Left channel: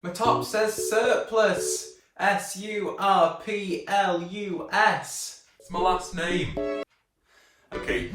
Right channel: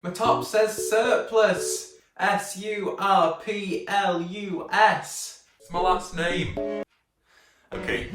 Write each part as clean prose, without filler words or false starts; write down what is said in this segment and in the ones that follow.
My top says surplus. S-U-R-P-L-U-S. It's my last name. Okay.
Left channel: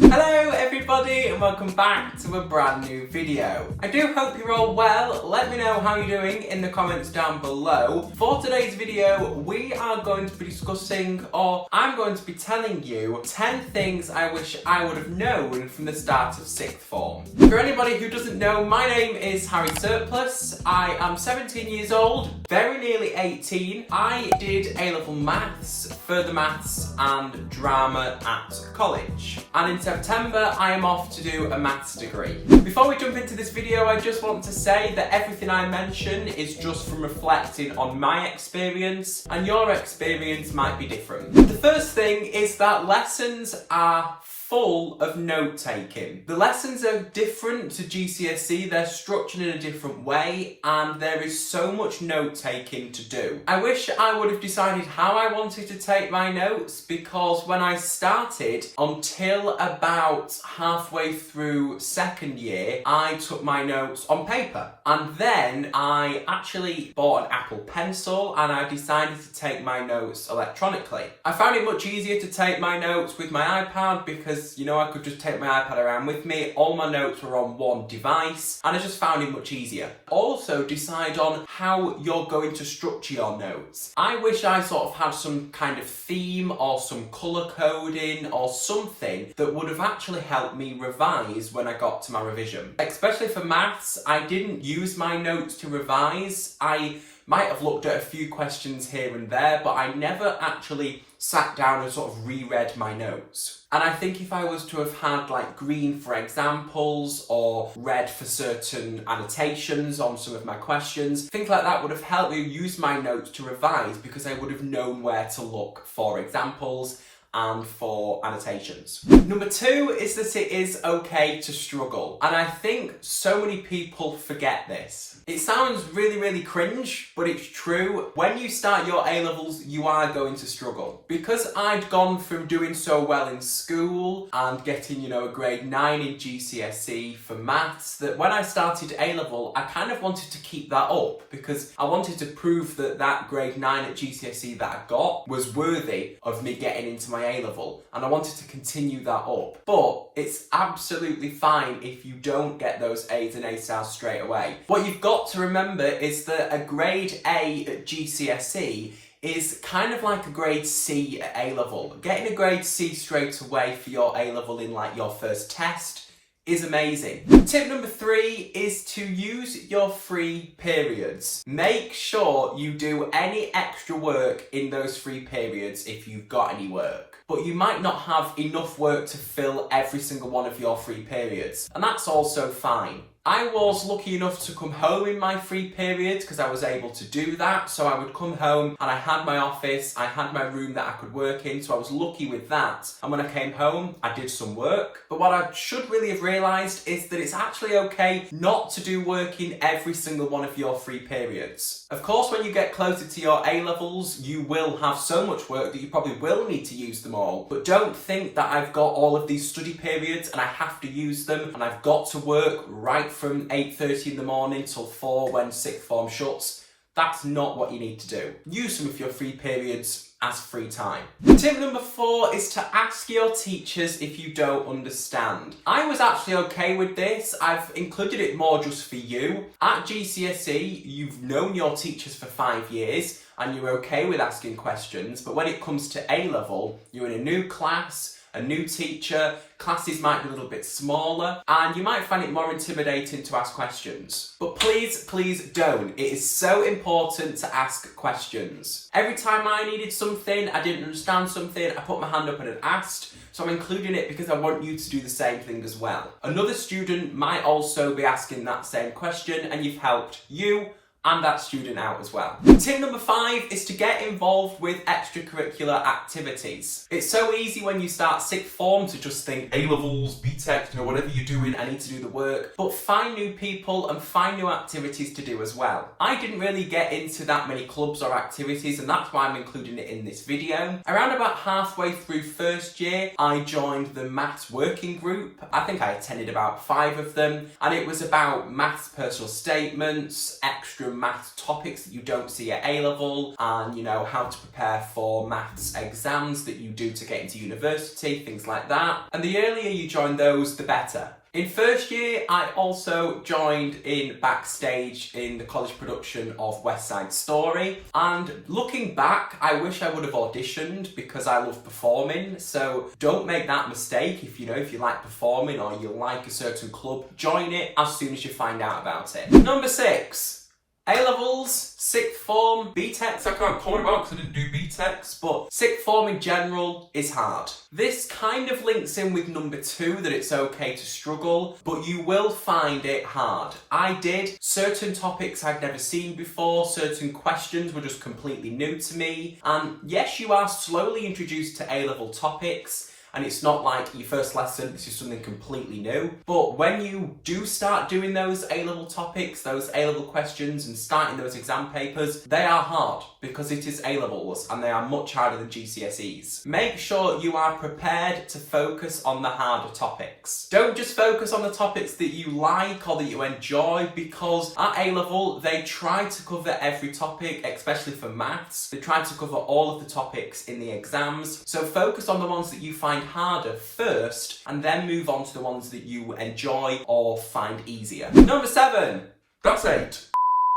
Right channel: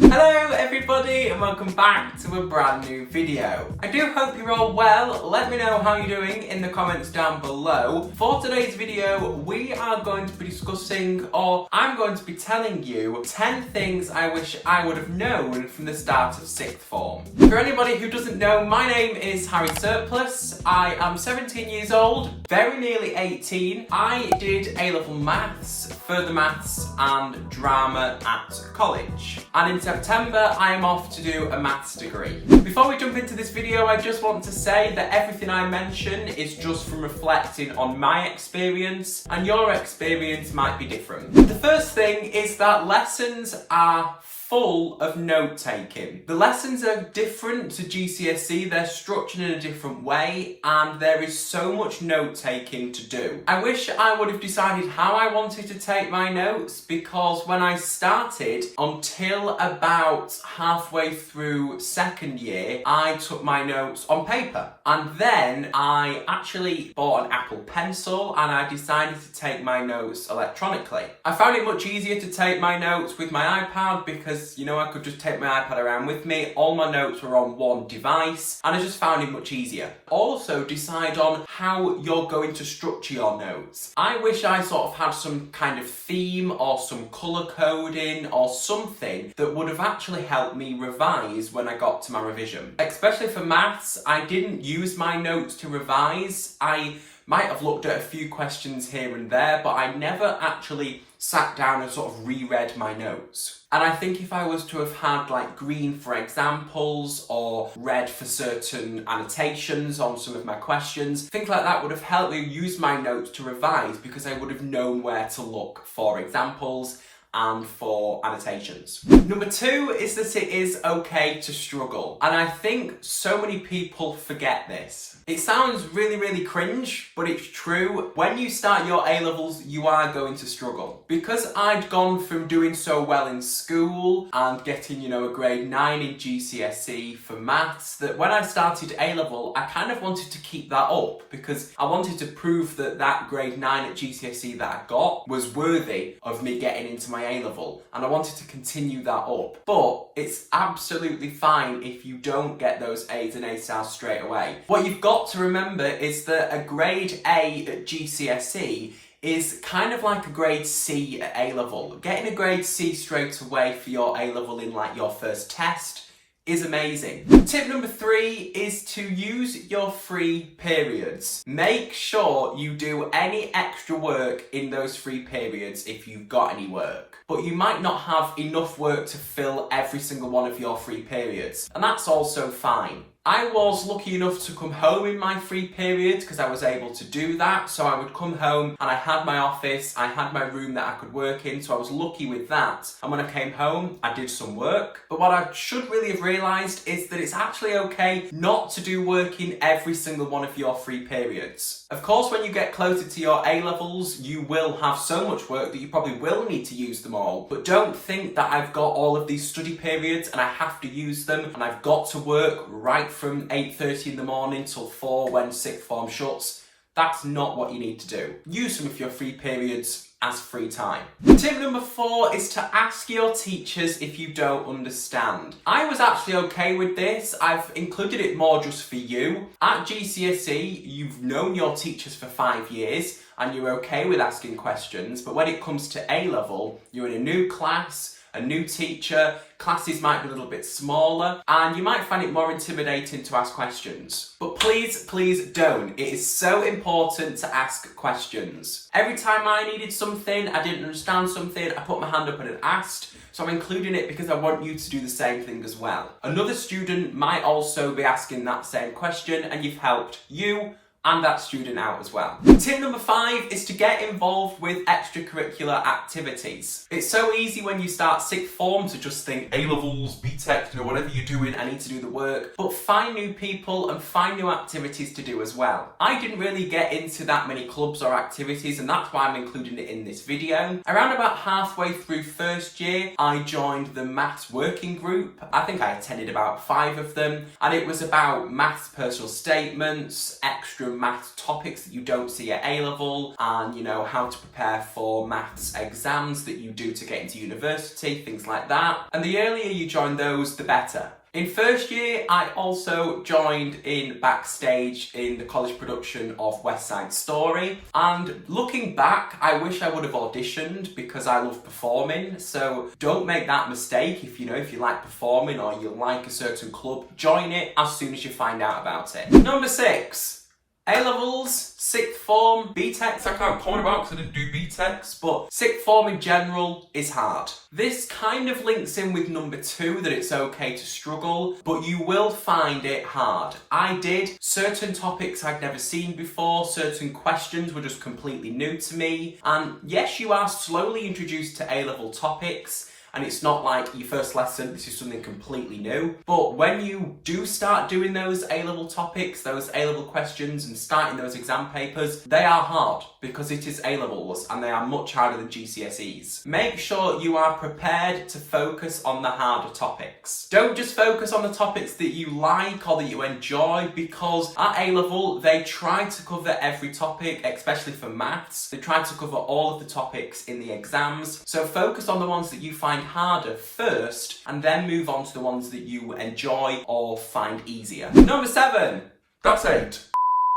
Hello everybody and welcome back to a brand new video. I do hope you're all well. Let me know how you're doing in the comments down below. For today's video, we are going to be discussing, or I'm going to be telling you 10 things I wish I would have known from the start of sixth form. For anybody who doesn't know, my name is Harry Surplus. I am 17 years old, very nearly 18. I did A-level maths, further maths and drama at college. And in September, I am off to do a maths degree. Before we jump into this video, I just want to say that everything I mention is just from reflecting on my experience, and your experience might be different. The first thing is that lessons are full of note-taking. The lessons are different to GCSE, they're structured in a different way, and there is so much note-taking to do. I wish I would have decided how I wanted to take my notes, because when I started, until about halfway through second year, I took my notes on paper. And then I actually bought an Apple Pencil and I decided to take my notes electronically. I found it much easier to take my notes with my iPad because, you know, I could just take my iPad around with me. All my notes were on one device and I just found it much easier. Also, decide on how you're going to structure your notes. I wish I sort of had some kind of theme or some colour coding or something that would have actually helped me revise when I got to my revision. Especially for maths, I didn't use my notes to revise. I might have looked at a few questions here and there, but I never actually sat down and sort of reread my notes. And I think if I was to have had like green for examples or red for certain annotations on some of my questions, things like that would have helped me use my notes to revise because I would have known where to look for examples and for annotations. Number two is that it is okay to struggle. And I think so many people forget this. It sounds really, really cringe, but it's true. When you start your A-levels, you are going to struggle. Because I'd gone from doing so well in school and getting, you know, a grade 9 in GCSE for maths, that when I started A-level, I kind of wanted to keep that up because I wanted to prove that that grade 9 at GCSE that I got was worthy of me getting into my A-level, and I wanted to continue that up. But it's absolutely fine if you don't get those A's and A stars straight away. What you've got to remember is that a grade A at GCSE is kind of like a grade C at A-level. Getting a grade C straight away for your A-level in like your first test is amazing. Tip number 3 is to use your free periods. Make sure you do any extra work in those free periods if you've got any work. But you might not have enough work to fill every single one of your free periods, and that's also fine. I was lucky enough to come home in my free period because I was able to do that. So I would come home and I had my office, I had my room that I could work in, so I was lucky with that. And when I came home, I did some work. But what I should really have realised is that it's actually okay not to do work in every single one of your free periods. Of course, when you get closer to your A-levels, you will have so much work that you probably will need to use them all. But don't think that I've got all of these study periods and I have to use them and I've got to work right from 8:30 in the morning till 4 when sixth form shuts. That's not what you need to do. Use some of your free periods as free time. Tip number 4 is to ask your teachers if you don't understand. I was actually okay with this. I've included it more just for you. At GCSE, you've known your teachers for 5 years and you're okay with asking questions, but when it comes to A-level, you're in a new class, a new teacher, classes might be a little bit smaller, and you might find it more intimidating to ask questions. But please, please don't. It is so important to ask questions. Every time I needed something, I didn't understand something, I put my hand up and I asked, so I'm including it because I want you to do the same thing as well. Another student might also be asking that same question, and you've helped you and that student out as well. Tip number 5 is to get involved with extracurricular activities. It's so easy when you start sixth form to just think A-levels, BTEC, whatever you're doing, I need to do the work. But find new people and find new activities to do as well. I didn't really get into that many clubs or activities, and that's why I'm including it in this video. Around about halfway through first year, I joined the maths working group. I think I attended about 5 of them, and it was about maths personal statements, extra maths topics that you don't see at A-level, and how to prepare for maths exams that you do to get into university, things like that. And the earlier you join those, the better. In first year, I also joined in backstage in the college production of West Side Story. And looking back, I wish I would have auditioned because I love performing. So don't make that mistake. If you like performing or you like a certain club, join it as soon as you find out about it. Number 6. A-levels, sixth form, BTECs I can't comment about because I didn't do BTECs, but sixth form in general is hard. This kind of links in with number 2, that it's okay to struggle, but you will find it hard. I did. Certain topics I'd never seen before, certain questions were just completely new to me, and yes, you are slowly introduced to A-level topics, and it's not like your first lesson, this is something completely new. But when you do start doing those A-level topics, those A-level questions, and starting those exam papers, they are hard because it is A-levels and they are much harder than GCSEs. Make sure you are prepared to focus on the harder topics. Don't just focus on the topics that you like or that you enjoy, because at A-level, they try to cover every topic, especially for maths. They try to cover all of the topics in the exams. So focus on the ones that you find harder first, and then move on to the ones that you enjoy or find easier. Number 7. That's 8.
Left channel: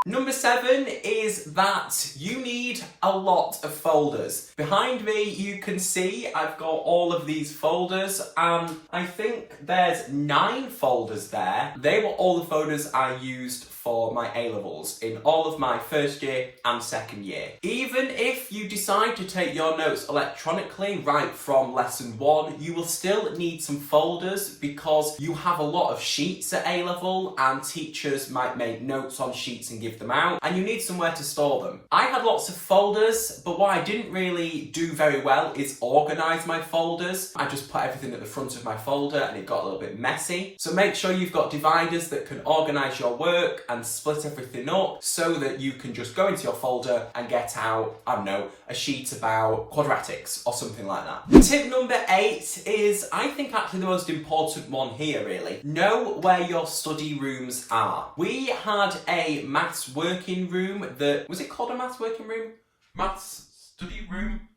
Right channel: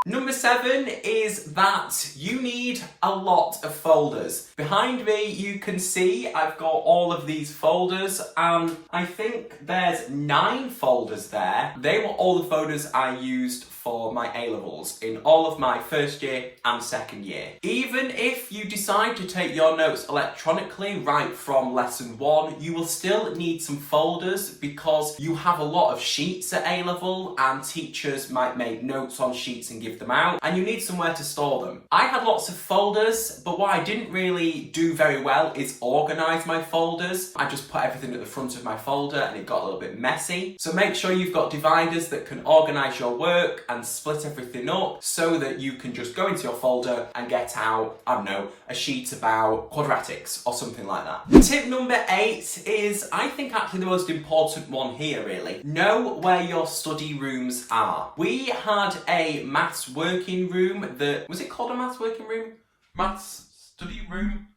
Number 7 is that you need a lot of folders. Behind me, you can see I've got all of these folders, and I think there's 9 folders there. They were all the folders I used for my A-levels in all of my first year and second year. Even if you decide to take your notes electronically right from lesson 1, you will still need some folders because you have a lot of sheets at A-level and teachers might make notes on sheets and give them out, and you need somewhere to store them. I had lots of folders, but what I didn't really do very well is organise my folders. I just put everything at the front of my folder and it got a little bit messy. So make sure you've got dividers that can organise your work and split everything up so that you can just go into your folder and get out, I don't know, a sheet about quadratics or something like that. Tip number 8 is, I think, actually the most important one here, really. Know where your study rooms are. We had a maths working room that, was it called a maths working room? Maths study room?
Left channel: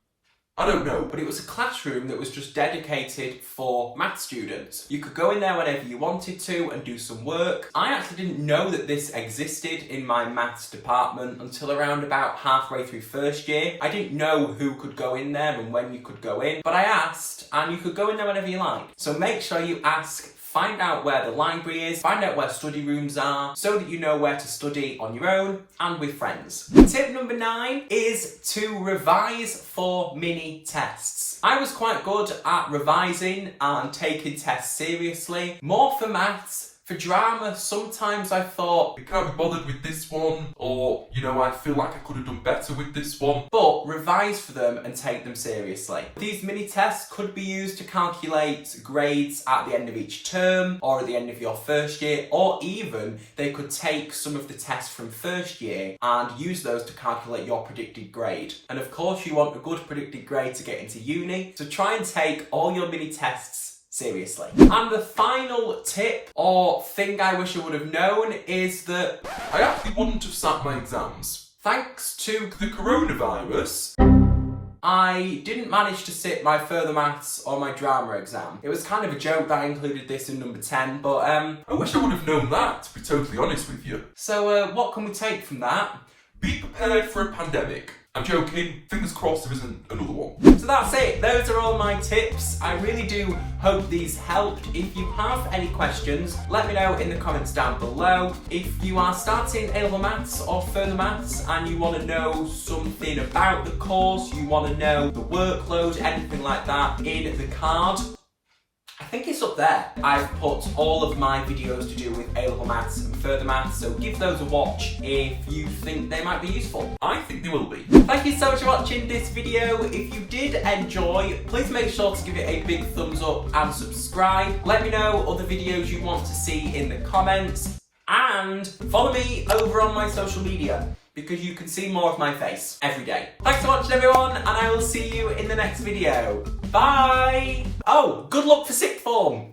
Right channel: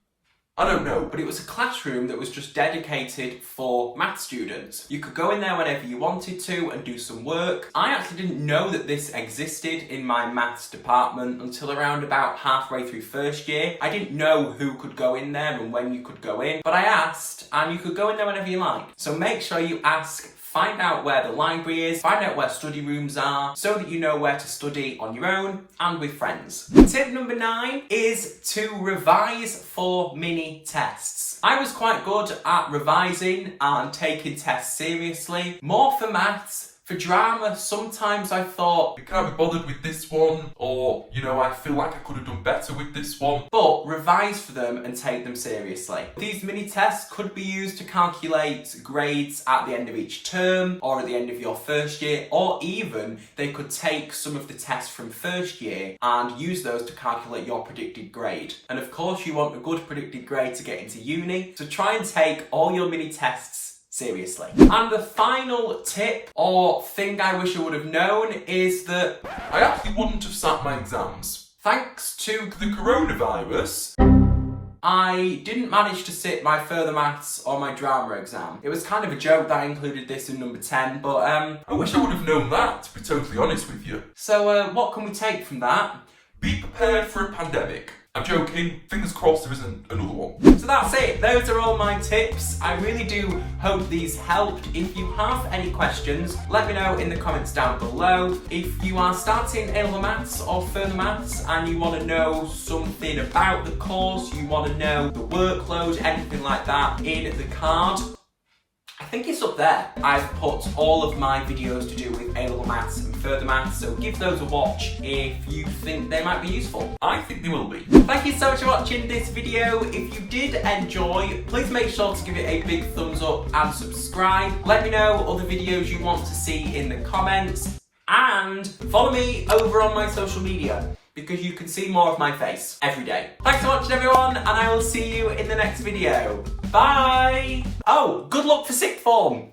I don't know. But it was a classroom that was just dedicated for math students. You could go in there whenever you wanted to and do some work. I actually didn't know that this existed in my maths department until around about halfway through first year. I didn't know who could go in there and when you could go in, but I asked, and you could go in there whenever you liked. So make sure you ask. Find out where the library is, find out where study rooms are, so that you know where to study on your own and with friends. Tip number 9 is to revise for mini tests. I was quite good at revising and taking tests seriously, more for maths. For drama, sometimes I thought, I can't be bothered with this one, or, I feel like I could have done better with this one. But revise for them and take them seriously. These mini tests could be used to calculate grades at the end of each term, or at the end of your first year, or even they could take some of the tests from first year and use those to calculate your predicted grade. And of course, you want a good predicted grade to get into uni, so try and take all your mini tests seriously. And the final tip or thing I wish I would have known is that I actually wouldn't have sat my exams. Thanks to the coronavirus, I didn't manage to sit my further maths or my drama exam. It was kind of a joke that I included this in number 10, but I wish I would have known that, to be totally honest with you. So what can we take from that? Be prepared for a pandemic. I'm joking, fingers crossed there isn't another one. So that's it, those are all my tips. I really do hope these helped. If you have any questions, let me know in the comments down below. If you are starting A-level maths or further maths and you want to know something about the course, you want to know the workload, anything like that, in the card, I think it's up there. I've put all of my videos to do with A-level maths and further maths, so give those a watch if you think they might be useful. I think they will be. Thank you so much for watching this video. If you did enjoy, please make sure to give it a big thumbs up and subscribe. Let me know other videos you want to see in the comments. And follow me over on my social media, because you can see more of my face every day. Thanks for watching, everyone, and I will see you in the next video. Bye! Oh, good luck for sixth form!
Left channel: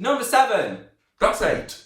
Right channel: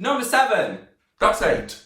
Number 7. That's 8.